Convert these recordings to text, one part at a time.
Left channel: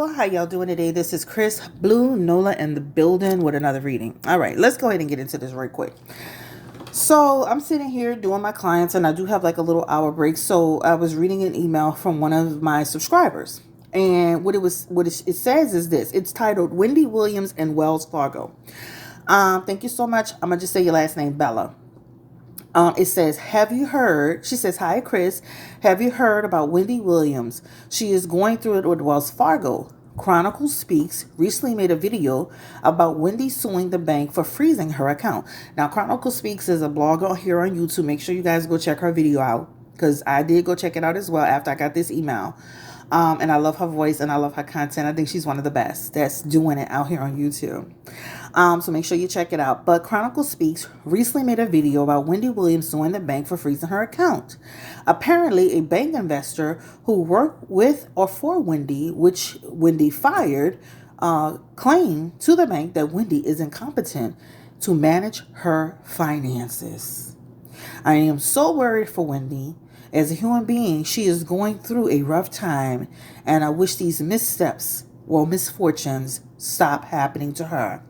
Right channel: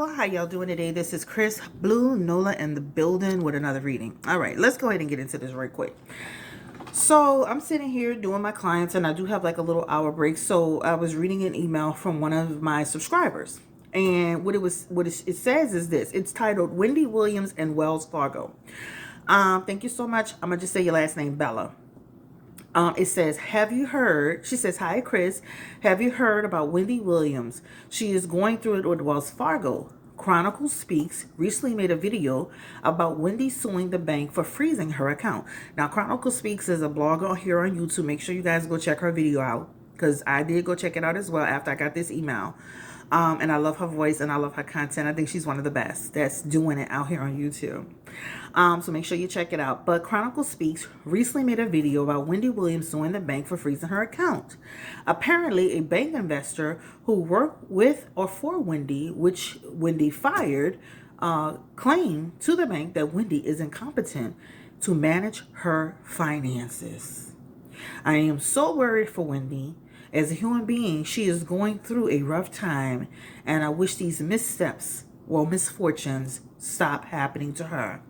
people, how y'all doing today? This is Chris, Blue, Nola, in the building with another reading. All right, let's go ahead and get into this right quick. So I'm sitting here doing my clients, and I do have like a little hour break. So I was reading an email from one of my subscribers, and it says is this. It's titled Wendy Williams and Wells Fargo. Thank you so much. I'm gonna just say your last name, Bella. It says, have you heard? She says, hi, Chris. Have you heard about Wendy Williams? She is going through it with Wells Fargo. Chronicle Speaks recently made a video about Wendy suing the bank for freezing her account. Now, Chronicle Speaks is a blogger here on YouTube. Make sure you guys go check her video out, because I did go check it out as well after I got this email. And I love her voice and I love her content. I think she's one of the best that's doing it out here on YouTube. So make sure you check it out. But Chronicle Speaks recently made a video about Wendy Williams suing the bank for freezing her account. Apparently, a bank investor who worked with or for Wendy, which Wendy fired, claimed to the bank that Wendy is incompetent to manage her finances. I am so worried for Wendy. As a human being, she is going through a rough time, and I wish these misfortunes stop happening to her.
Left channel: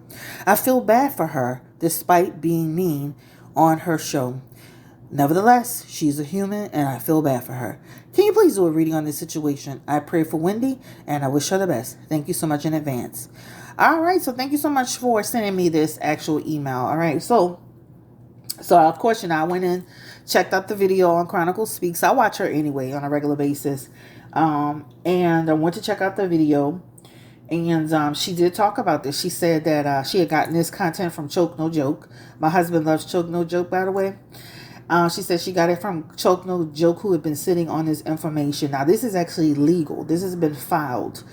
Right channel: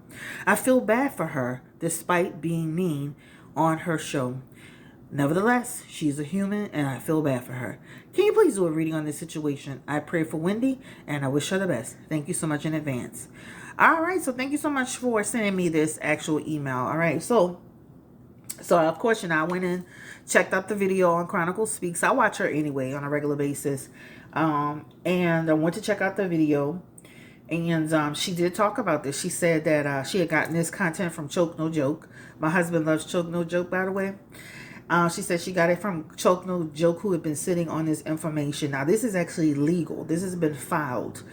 I feel bad for her, despite being mean on her show. Nevertheless, she's a human, and I feel bad for her. Can you please do a reading on this situation? I pray for Wendy, and I wish her the best. Thank you so much in advance. All right, so thank you so much for sending me this actual email. All right, so of course, I went in, checked out the video on Chronicle Speaks. I watch her anyway on a regular basis. And I went to check out the video. And she did talk about this. She said that she had gotten this content from Choke No Joke. My husband loves Choke No Joke, by the way. She said she got it from Choke No Joke, who had been sitting on this information. Now, this is actually legal. This has been filed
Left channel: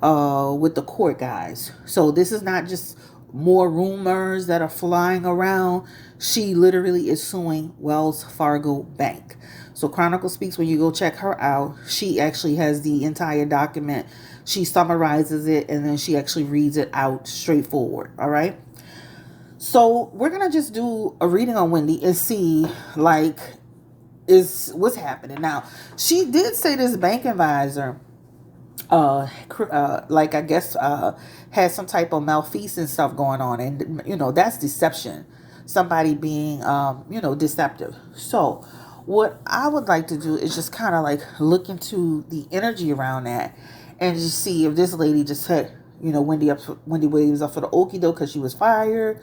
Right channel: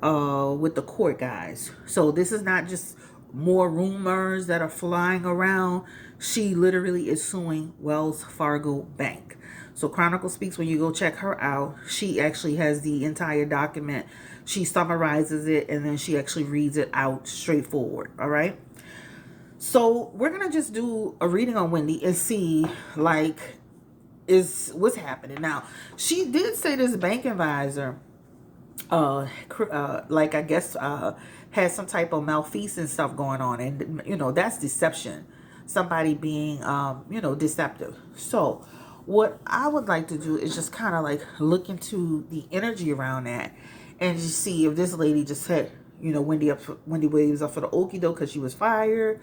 with the court, guys. So this is not just more rumors that are flying around. She literally is suing Wells Fargo Bank. So Chronicle Speaks, when you go check her out, she actually has the entire document. She summarizes it, and then she actually reads it out straightforward. All right. So we're going to just do a reading on Wendy and see, is what's happening. Now, she did say this bank advisor, I guess, had some type of malfeasance stuff going on. And, that's deception. Somebody being, deceptive. So what I would like to do is just kind of look into the energy around that and just see if this lady just set, Wendy Williams up for the okie doke because she was fired.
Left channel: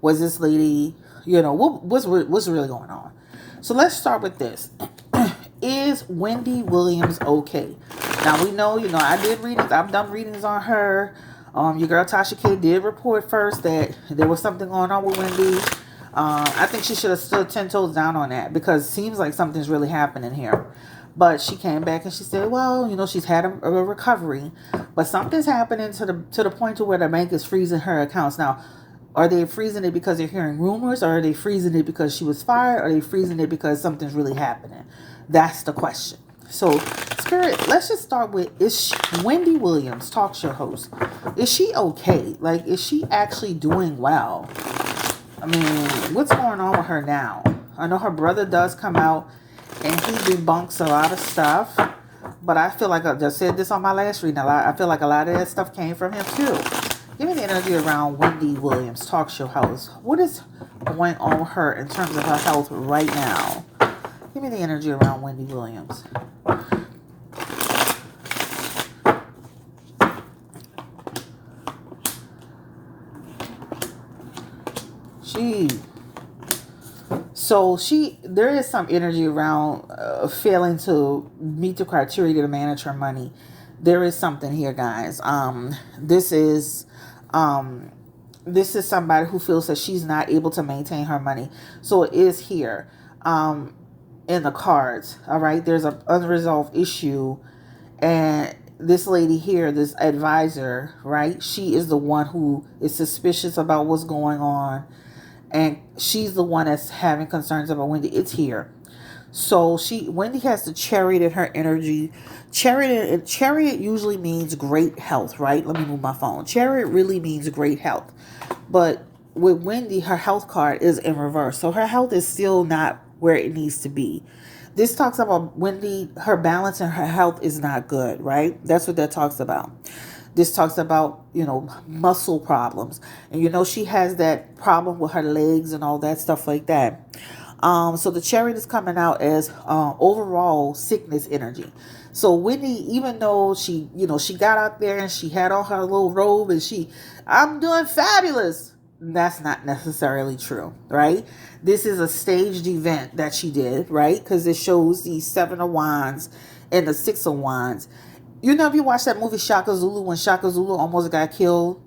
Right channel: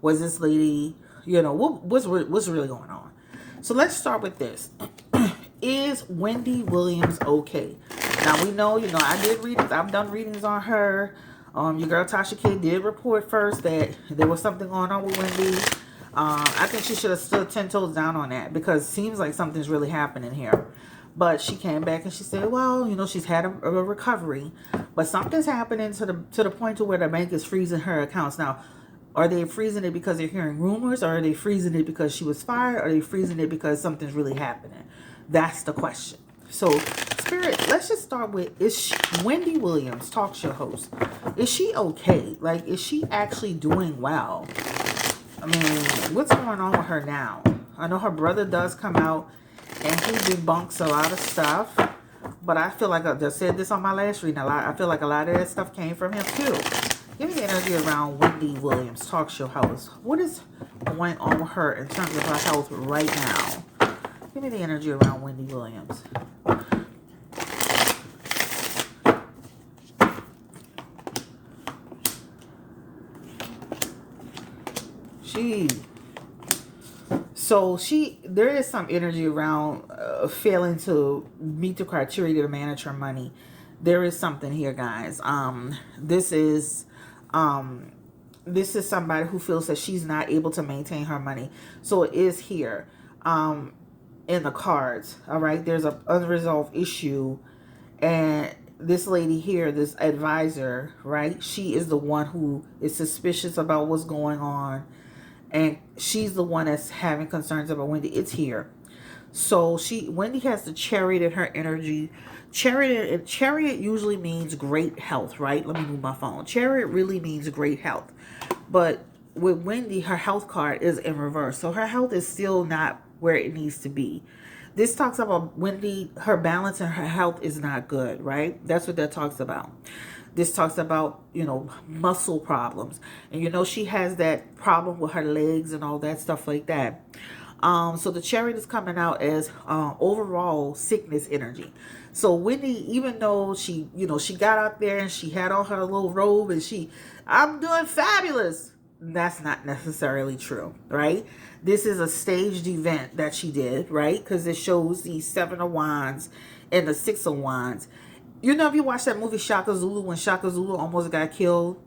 Was this lady, what's really going on? So let's start with this. Is Wendy Williams okay? Now we know, I did readings. I've done readings on her. Your girl Tasha Kidd did report first that there was something going on with Wendy. I think she should have stood 10 toes down on that, because it seems like something's really happening here. But she came back and she said, well, she's had a recovery, but something's happening to the point to where the bank is freezing her accounts. Now, are they freezing it because they're hearing rumors, or are they freezing it because she was fired, or are they freezing it because something's really happening? That's the question. So, Spirit, let's just start with, Wendy Williams, talk show host, is she okay? Is she actually doing well? I mean, what's going on with her now? I know her brother does come out and he debunks a lot of stuff, but I feel like I just said this on my last reading. I feel like a lot of that stuff came from him too. Give me the energy around Wendy Williams, talk show host. What is going on with her in terms of her health right now? Give me the energy around Wendy Williams. There is some energy around failing to meet the criteria to manage her money. There is something here, guys. This is somebody who feels that she's not able to maintain her money. So it is here, in the cards. All right. There's an unresolved issue, and this lady here, this advisor, right? She is the one who is suspicious about what's going on. And she's the one that's having concerns about Wendy. It's here. So Wendy has the chariot in her energy. Chariot usually means great health, right? Let me move my phone. Chariot really means great health. But with Wendy, her health card is in reverse. So her health is still not where it needs to be. This talks about Wendy, her balance and her health is not good, right? That's what that talks about. This talks about, muscle problems. And she has that problem with her legs and all that stuff like that. So the chariot is coming out as overall sickness energy. So Wendy, even though she got out there and she had on her little robe and I'm doing fabulous. That's not necessarily true, right? This is a staged event that she did, right? Because it shows the Seven of Wands and the Six of Wands. If you watch that movie Shaka Zulu, when Shaka Zulu almost got killed,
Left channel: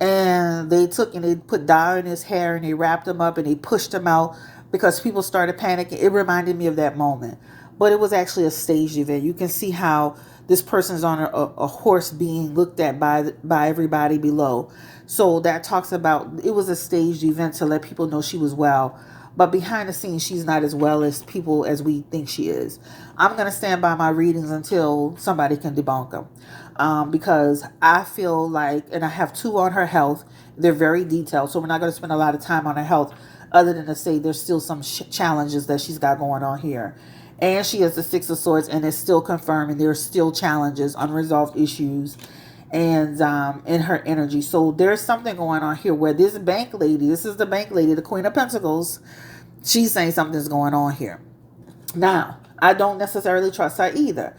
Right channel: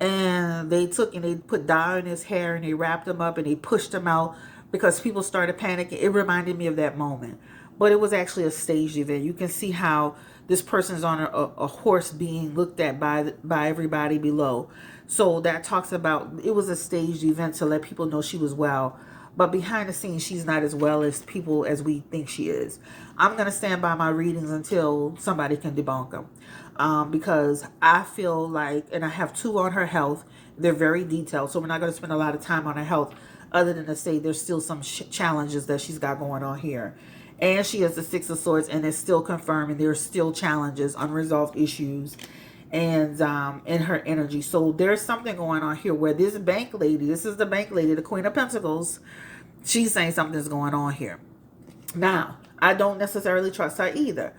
and they took and they put dye in his hair and they wrapped him up and they pushed him out because people started panicking. It reminded me of that moment, but it was actually a staged event. You can see how this person's on a horse being looked at by everybody below. So that talks about it was a staged event to let people know she was well, but behind the scenes she's not as well as we think she is. I'm going to stand by my readings until somebody can debunk them, because I feel like, and I have two on her health. They're very detailed, so we're not going to spend a lot of time on her health, other than to say there's still some challenges that she's got going on here. And she has the Six of Swords, and it's still confirming there's still challenges, unresolved issues, and in her energy. So there's something going on here where this bank lady, this is the bank lady, the Queen of Pentacles, she's saying something's going on here. Now, I don't necessarily trust her either.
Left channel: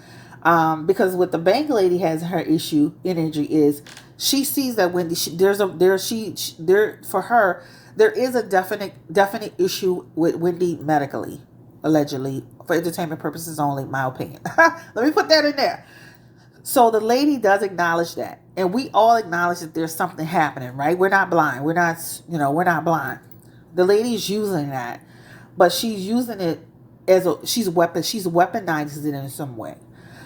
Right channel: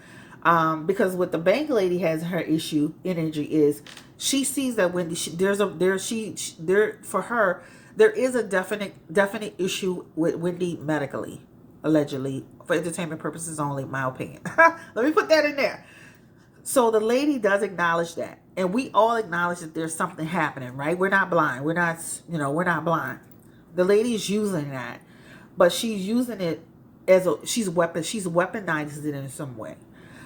Because what the bank lady has in her issue energy is she sees that Wendy, for her, there is a definite issue with Wendy medically, allegedly, for entertainment purposes only, my opinion. Let me put that in there. So the lady does acknowledge that, and we all acknowledge that there's something happening, right? We're not blind. We're not blind. The lady's using that, but she's using it she's weaponized it in some way.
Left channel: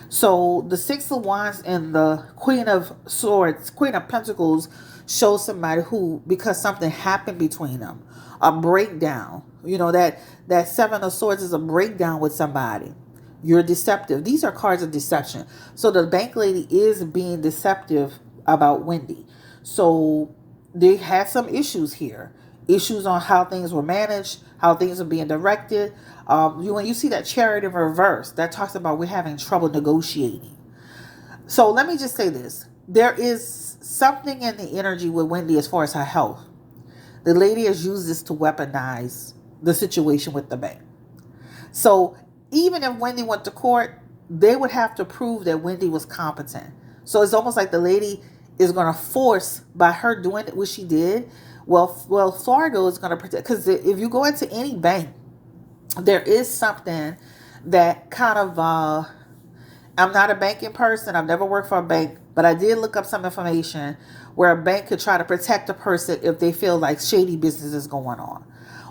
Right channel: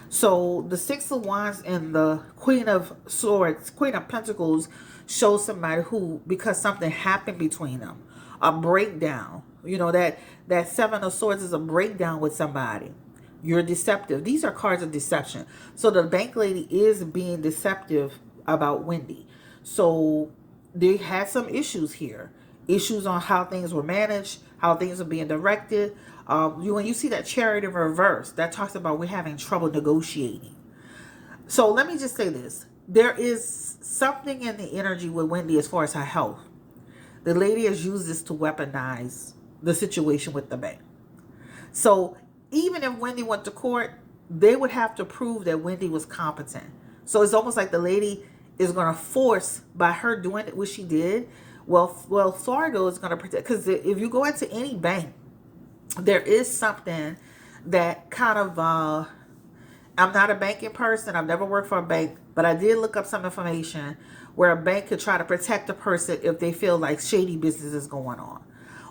So the Six of Wands and the Queen of Swords, Queen of Pentacles, shows somebody who, because something happened between them, a breakdown. That Seven of Swords is a breakdown with somebody. You're deceptive. These are cards of deception. So the bank lady is being deceptive about Wendy. So they had some issues here. Issues on how things were managed, how things are being directed. When you see that chariot in reverse, that talks about we're having trouble negotiating. So let me just say this. There is something in the energy with Wendy as far as her health. The lady has used this to weaponize the situation with the bank. So even if Wendy went to court, they would have to prove that Wendy was competent. So it's almost like the lady is going to force, by her doing what she did, well, Fargo is going to protect. Because if you go into any bank, there is something that kind of, I'm not a banking person. I've never worked for a bank, but I did look up some information where a bank could try to protect a person if they feel like shady business is going on,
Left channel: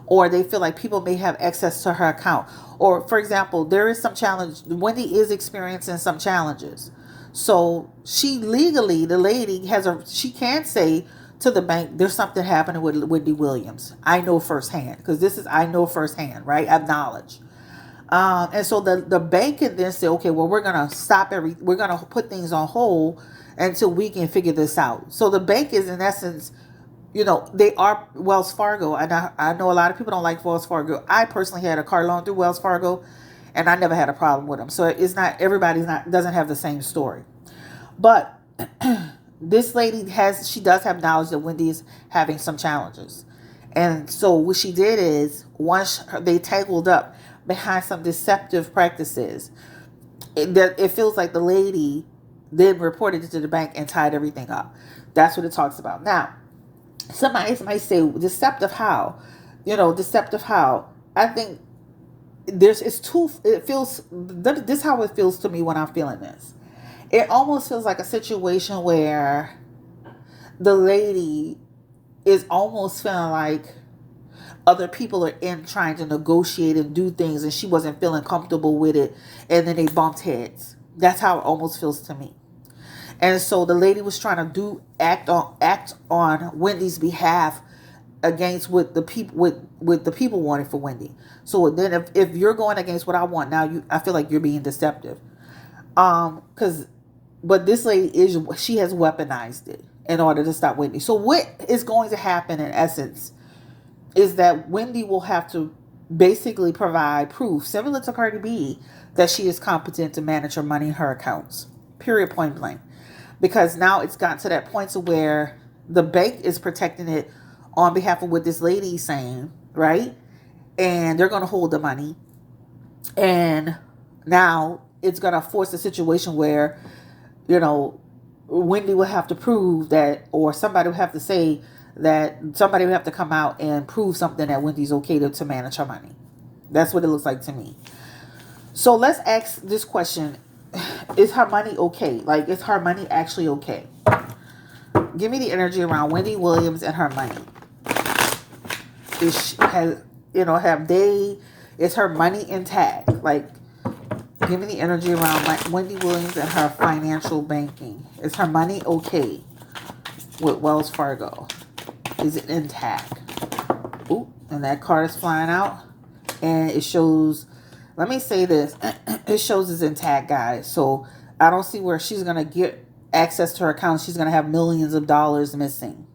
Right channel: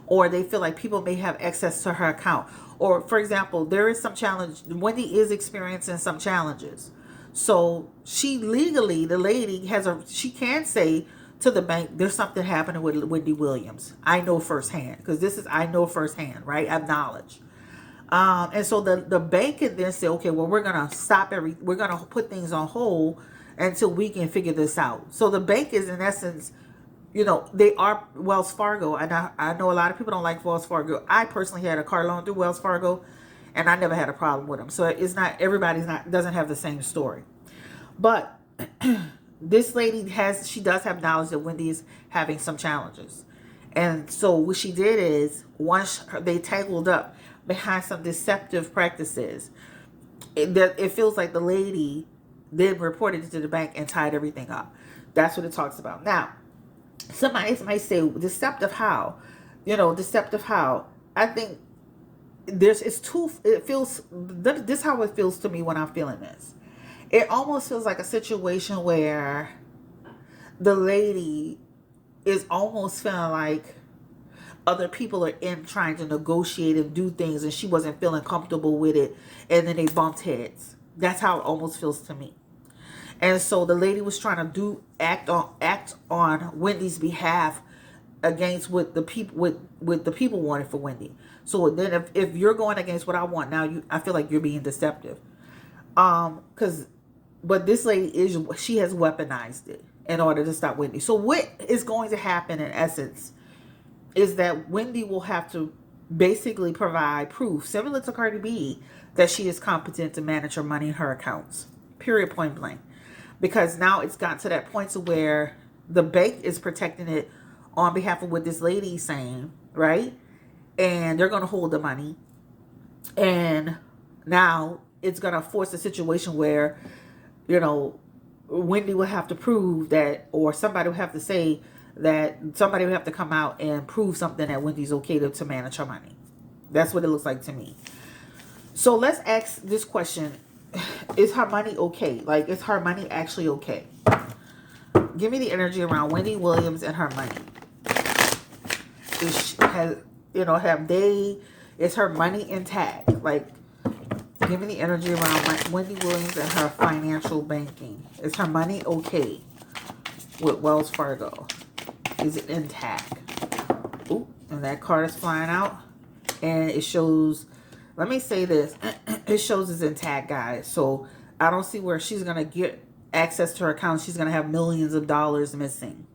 or they feel like people may have access to her account. Or, for example, there is some challenge. Wendy is experiencing some challenges. So she legally, the lady she can say to the bank, there's something happening with Wendy Williams. I know firsthand, because I know firsthand, right? I have knowledge. And so the bank can then say, okay, well, we're going to we're going to put things on hold until we can figure this out. So the bank is, in essence, they are Wells Fargo. And I know a lot of people don't like Wells Fargo. I personally had a car loan through Wells Fargo, and I never had a problem with them. So it's not, doesn't have the same story. But this lady does have knowledge that Wendy is having some challenges. And so what she did is, once they tangled up behind some deceptive practices, it feels like the lady then reported it to the bank and tied everything up. That's what it talks about. Now, somebody might say, deceptive how? Deceptive how? I think this is how it feels to me when I'm feeling this. It almost feels like a situation where the lady is almost feeling like other people are in trying to negotiate and do things, and she wasn't feeling comfortable with it, and then they bumped heads. That's how it almost feels to me. And so the lady was trying to act on Wendy's behalf against what the people wanted for Wendy. So then if you're going against what I want now, I feel like you're being deceptive. But this lady she has weaponized it in order to stop Wendy. So what is going to happen in essence is that Wendy will have to basically provide proof, similar to Cardi B, that she is competent to manage her money in her accounts. Period, point blank. because now it's gotten to that point to where the bank is protecting it on behalf of what this lady is saying, right? And they're going to hold the money. And now it's going to force a situation where, you know, Wendy will have to prove that, or somebody will have to say that, somebody will have to come out and prove something that Wendy's okay to manage her money. That's what it looks like to me. So let's ask this question. Is her money okay? Like, is her money actually okay? Give me the energy around Wendy Williams and her money. Is her money intact? Like, give me the energy around Wendy Williams and her financial banking. Is her money okay with Wells Fargo? Is it intact? Ooh, and that card is flying out. And it shows, let me say this, it shows it's intact, guys. So I don't see where she's going to get access to her account. She's going to have millions of dollars missing.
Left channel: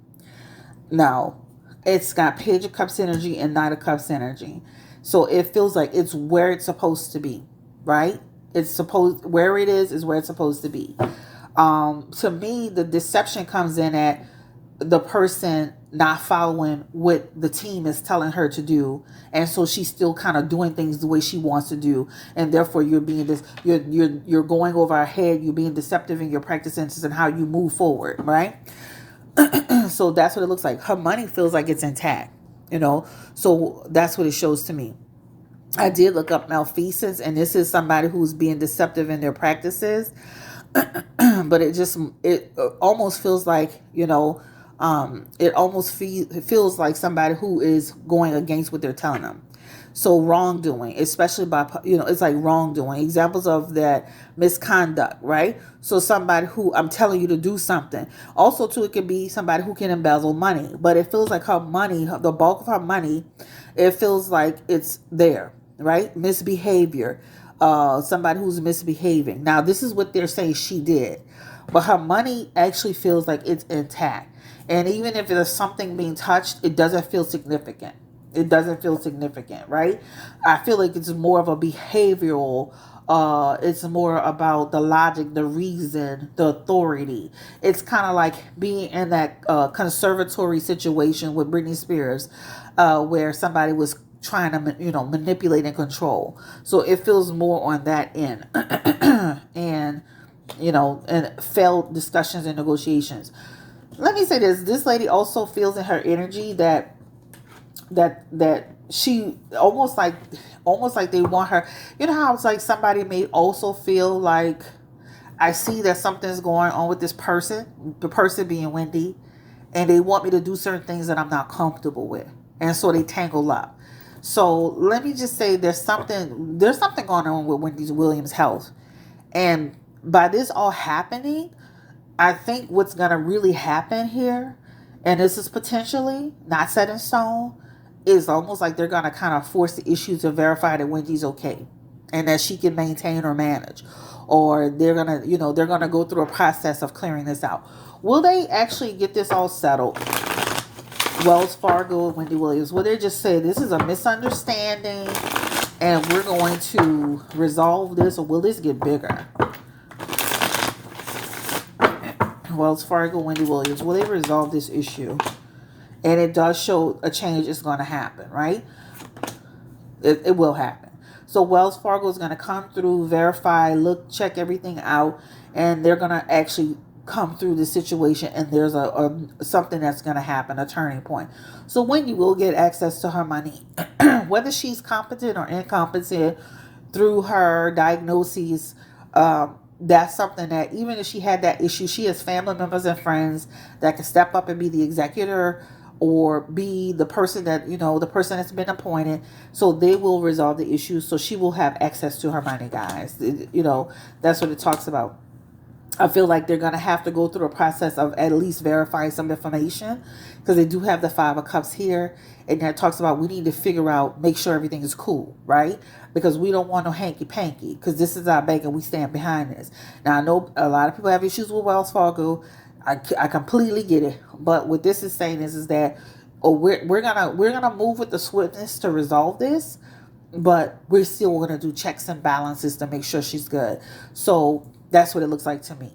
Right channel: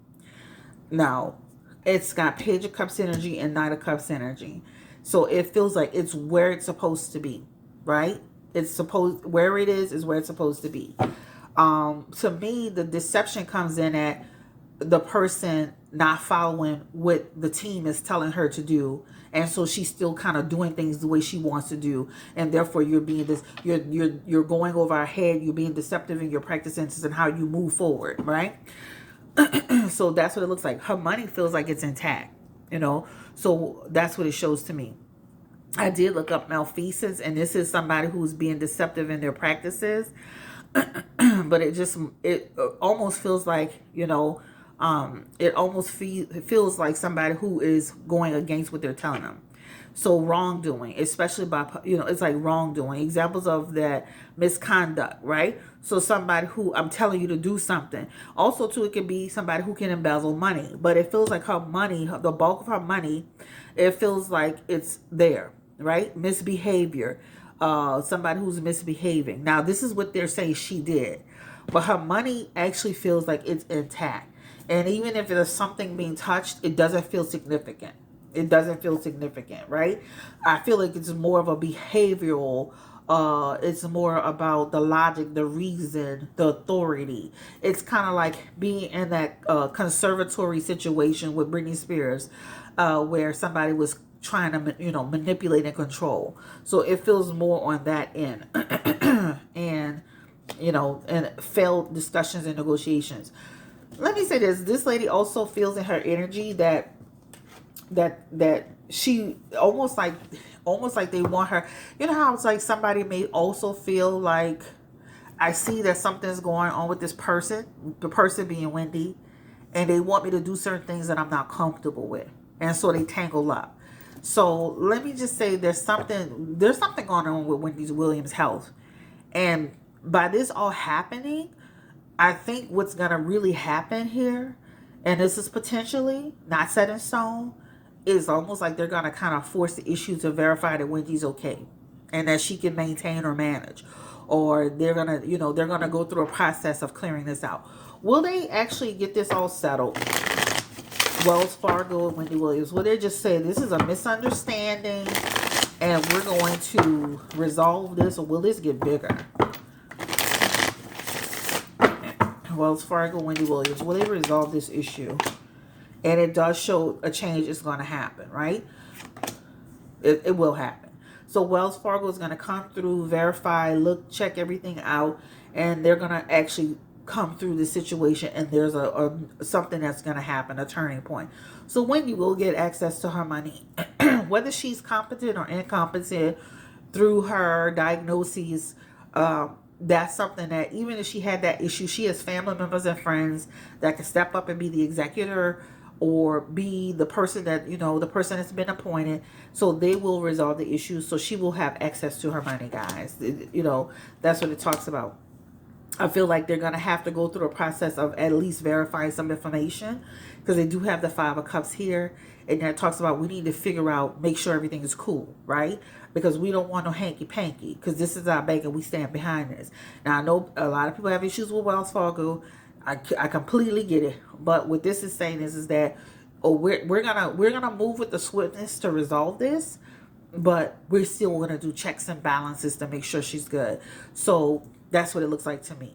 Now, it's got Page of Cups energy and Knight of Cups energy. So it feels like it's where it's supposed to be, right? Where it is where it's supposed to be. To me, the deception comes in at the person not following what the team is telling her to do, and so she's still kind of doing things the way she wants to do, and therefore you're going over her head. You're being deceptive in your practices and how you move forward, right? So that's what it looks like. Her money feels like it's intact, so that's what it shows to me. I did look up malfeasance, and this is somebody who's being deceptive in their practices. But it almost feels like, it almost feels like somebody who is going against what they're telling them. So wrongdoing, especially by, it's like wrongdoing. Examples of that: misconduct, right? So somebody who, I'm telling you to do something. Also, too, it could be somebody who can embezzle money. But it feels like her money, the bulk of her money, it feels like it's there, right? Misbehavior. Somebody who's misbehaving. Now, this is what they're saying she did. But her money actually feels like it's intact. And even if there's something being touched, it doesn't feel significant. It doesn't feel significant, right? I feel like it's more of a behavioral, it's more about the logic, the reason, the authority. It's kind of like being in that conservatory situation with Britney Spears, where somebody was trying to, manipulate and control. So it feels more on that end. And, and failed discussions and negotiations. Let me say this lady also feels in her energy that she almost like they want her. You know how it's like somebody may also feel like, I see that something's going on with this person, the person being Wendy, and they want me to do certain things that I'm not comfortable with, and so they tangle up. So let me just say there's something going on with Wendy Williams' health, and by this all happening, I think what's going to really happen here, and this is potentially not set in stone, is almost like they're going to kind of force the issue to verify that Wendy's okay and that she can maintain or manage. Or they're going to go through a process of clearing this out. Will they actually get this all settled? Wells Fargo and Wendy Williams. Will they just say this is a misunderstanding and we're going to resolve this, or will this get bigger? Wells Fargo, Wendy Williams. Will they resolve this issue? And it does show a change is going to happen, right? It will happen. So Wells Fargo is going to come through, verify, look, check everything out, and they're going to actually come through the situation, and there's a something that's going to happen, a turning point. So Wendy will get access to her money, whether she's competent or incompetent through her diagnoses. That's something that, even if she had that issue, she has family members and friends that can step up and be the executor or be the person that, the person that's been appointed. So they will resolve the issue. So she will have access to her money, guys. That's what it talks about. I feel like they're going to have to go through a process of at least verifying some information, because they do have the Five of Cups here. And that talks about, we need to figure out, make sure everything is cool, right? Because we don't want no hanky-panky, because this is our bank and we stand behind this. Now, I know a lot of people have issues with Wells Fargo. I completely get it. But what this is saying is that, we're gonna move with the swiftness to resolve this, but we're still gonna do checks and balances to make sure she's good. So that's what it looks like to me.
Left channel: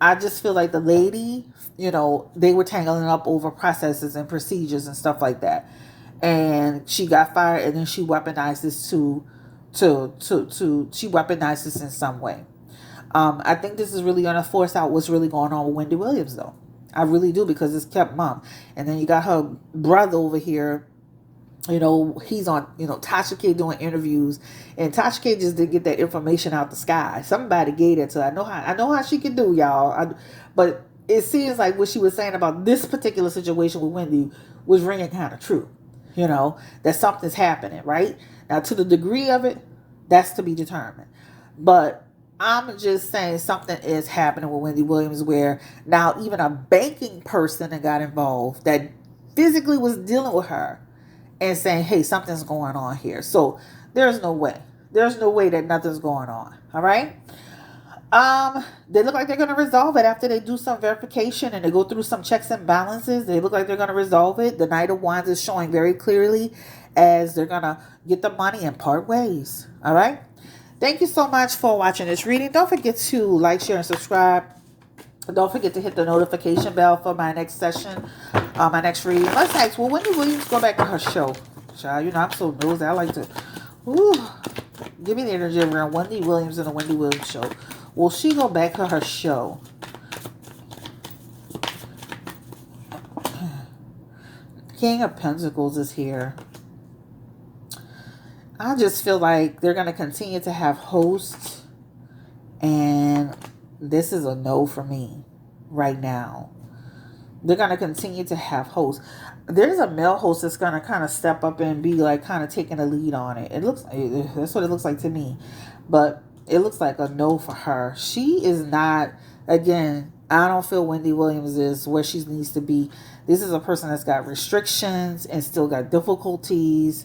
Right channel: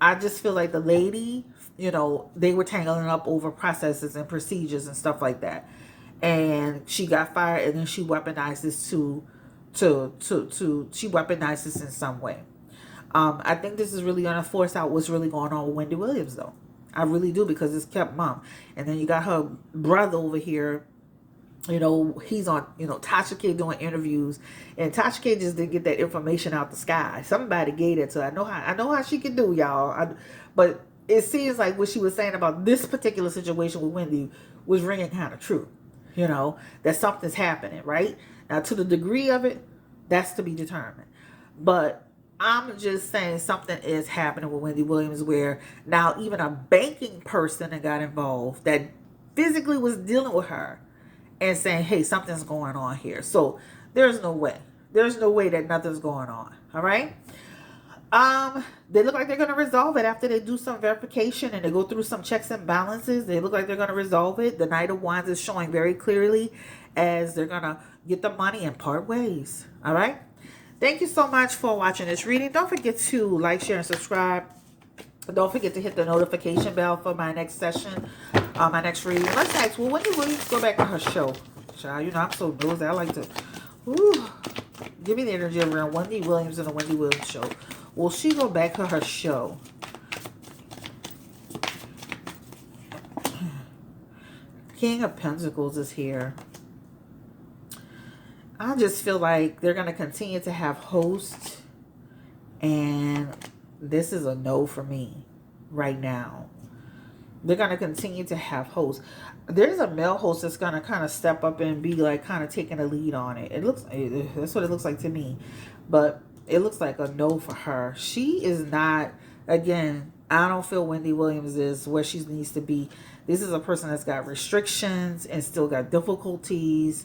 I just feel like the lady, they were tangling up over processes and procedures and stuff like that. And she got fired, and then she weaponized this to she weaponized this in some way. I think this is really going to force out what's really going on with Wendy Williams, though. I really do, because it's kept mom. And then you got her brother over here. He's on, Tasha K doing interviews, and Tasha K just didn't get that information out the sky. Somebody gave it to her. I know how she can do, y'all. But it seems like what she was saying about this particular situation with Wendy was ringing kind of true. That something's happening, right? Now, to the degree of it, that's to be determined. But I'm just saying something is happening with Wendy Williams, where now even a banking person that got involved that physically was dealing with her and saying, hey, something's going on here. So there's no way. There's no way that nothing's going on. All right. They look like they're going to resolve it after they do some verification and they go through some checks and balances. They look like they're going to resolve it. The Knight of Wands is showing very clearly as they're going to get the money and part ways. All right. Thank you so much for watching this reading. Don't forget to like, share, and subscribe. Don't forget to hit the notification bell for my next session, my next reading. Let's ask, will Wendy Williams go back to her show? Child, I'm so nosy. I like to, give me the energy around Wendy Williams and the Wendy Williams show. Will she go back to her show? King of Pentacles is here. I just feel like they're going to continue to have hosts, and this is a no for me right now. They're going to continue to have hosts. There's a male host that's going to kind of step up and be like kind of taking a lead on it. That's what it looks like to me. But it looks like a no for her. She is not, again, I don't feel Wendy Williams is where she needs to be. This is a person that's got restrictions and still got difficulties.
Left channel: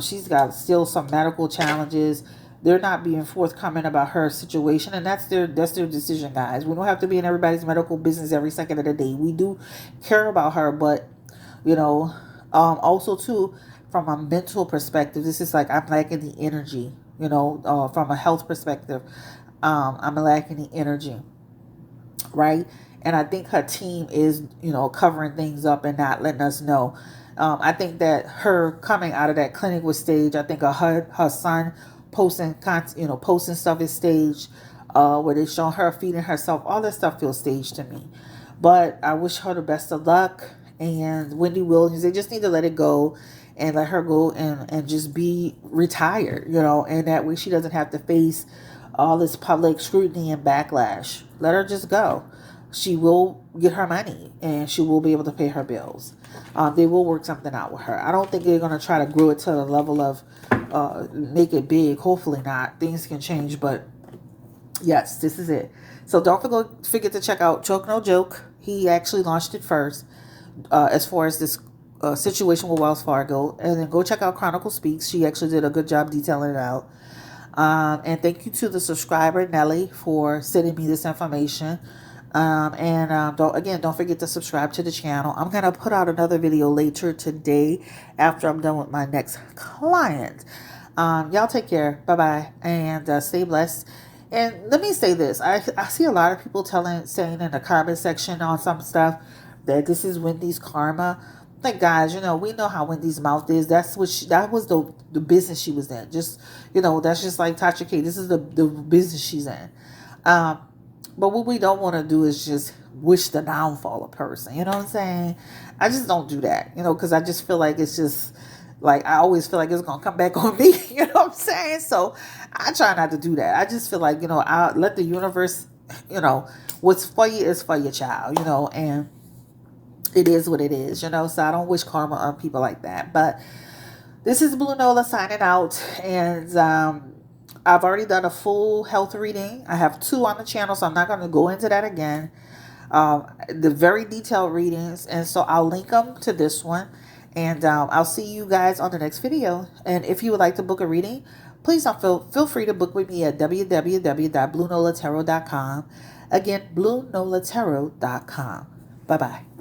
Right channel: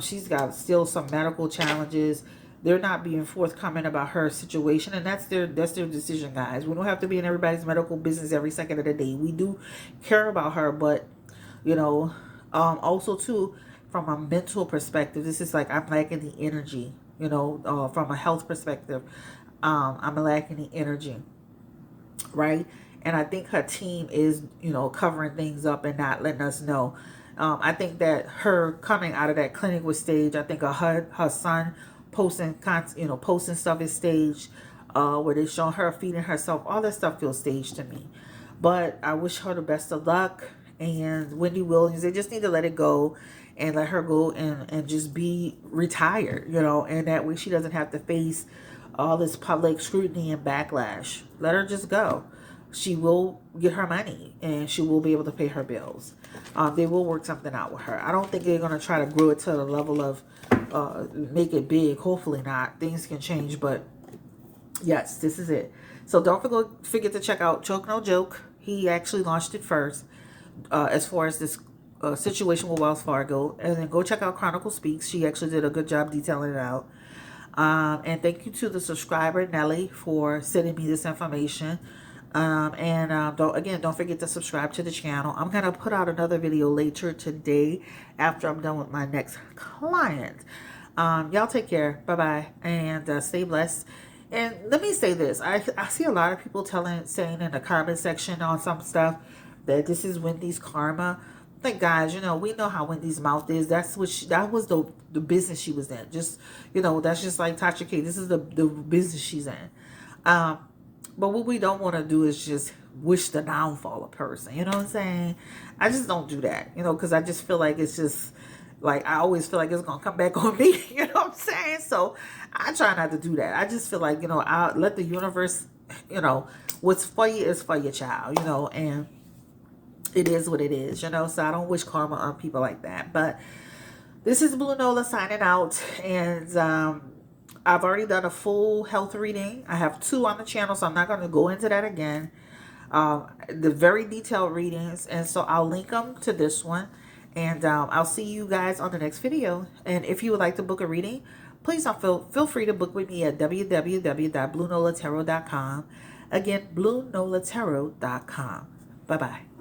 She's got still some medical challenges. They're not being forthcoming about her situation, and that's their decision, guys. We don't have to be in everybody's medical business every second of the day. We do care about her, but also too, from a mental perspective, this is like I'm lacking the energy. From a health perspective, I'm lacking the energy, right? And I think her team is, covering things up and not letting us know. I think that her coming out of that clinic was staged. I think her son posting stuff is staged, where they show her feeding herself. All that stuff feels staged to me. But I wish her the best of luck. And Wendy Williams, they just need to let it go and let her go and just be retired, and that way she doesn't have to face all this public scrutiny and backlash. Let her just go. She will get her money and she will be able to pay her bills. They will work something out with her. I don't think they're going to try to grow it to the level of make it big. Hopefully not. Things can change, but yes, this is it. So don't forget to check out Choke No Joke. He actually launched it first as far as this situation with Wells Fargo. And then go check out Chronicle Speaks. She actually did a good job detailing it out. And thank you to the subscriber, Nelly, for sending me this information. Don't forget to subscribe to the channel. I'm going to put out another video later today after I'm done with my next client. Y'all take care. Bye-bye. And stay blessed. And let me say this. I see a lot of people saying in the comment section on some stuff that this is Wendy's karma. Like, guys, we know how Wendy's mouth is. That was the business she was in. Just, that's just like Tasha K. This is the business she's in. But what we don't want to do is just wish the downfall of a person. You know what I'm saying? I just don't do that, because I just feel like it's just, like, I always feel like it's going to come back on me. You know what I'm saying? So I try not to do that. I just feel like, I'll let the universe, what's for you is for your child, and it is what it is, So I don't wish karma on people like that. But this is Blue Nola signing out. And I've already done a full health reading. I have 2 on the channel, so I'm not going to go into that again. The very detailed readings. And so I'll link them to this one. And I'll see you guys on the next video. And if you would like to book a reading, please feel free to book with me at www.bluenolatarot.com. Again, bluenolatarot.com. Bye-bye.